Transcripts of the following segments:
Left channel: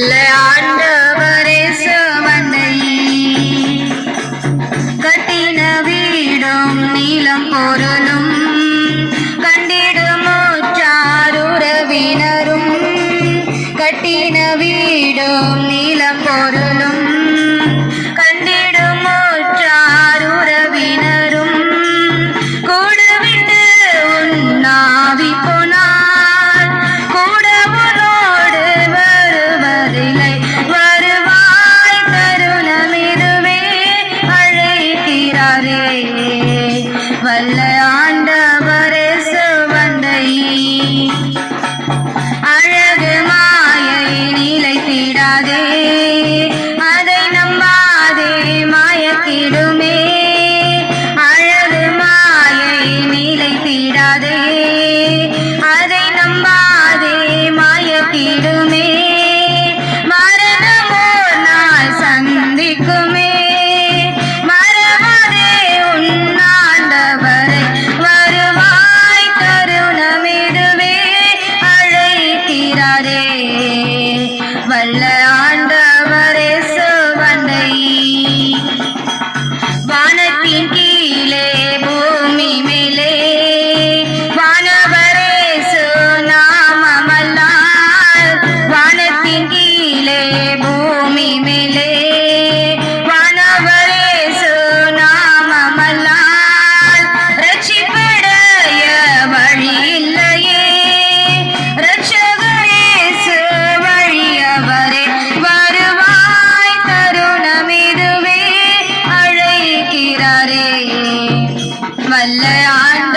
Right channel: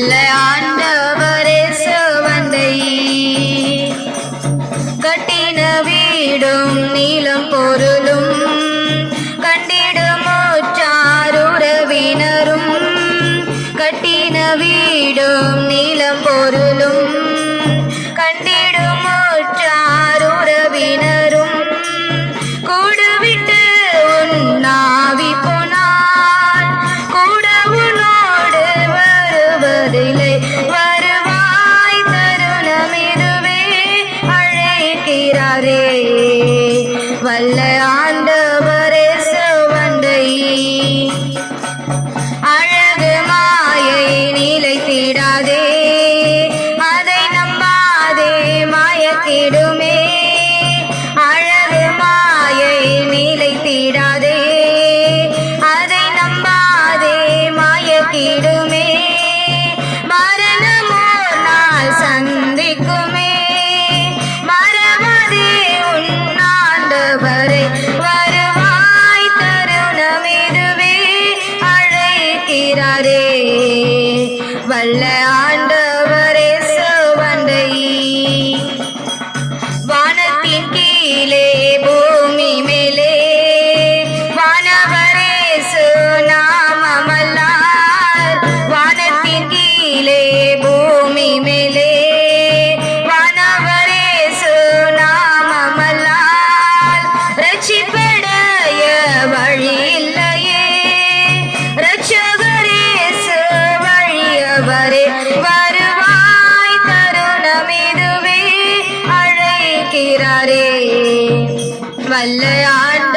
la காத்திட Hallelujah.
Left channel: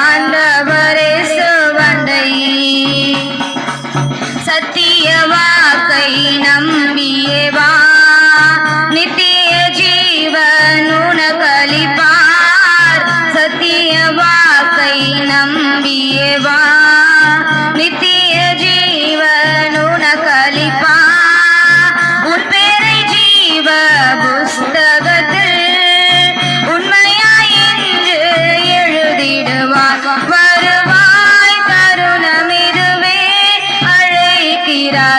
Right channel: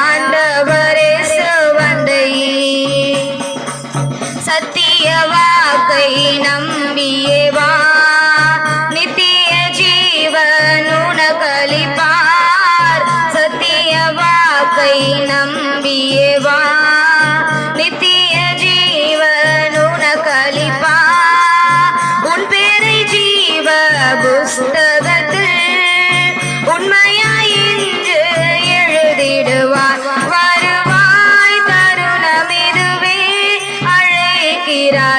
Panda.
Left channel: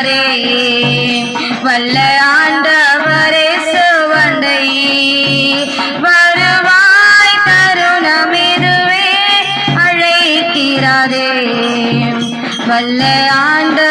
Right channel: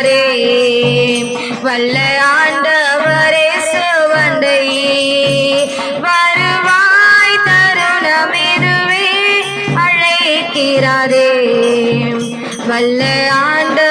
ஆண்டவரே வல்ல ஆண்டவரே சோவந்தை. வருவாய் தருணமெதுவே அழைக்கிறாரே. வல்ல ஆண்ட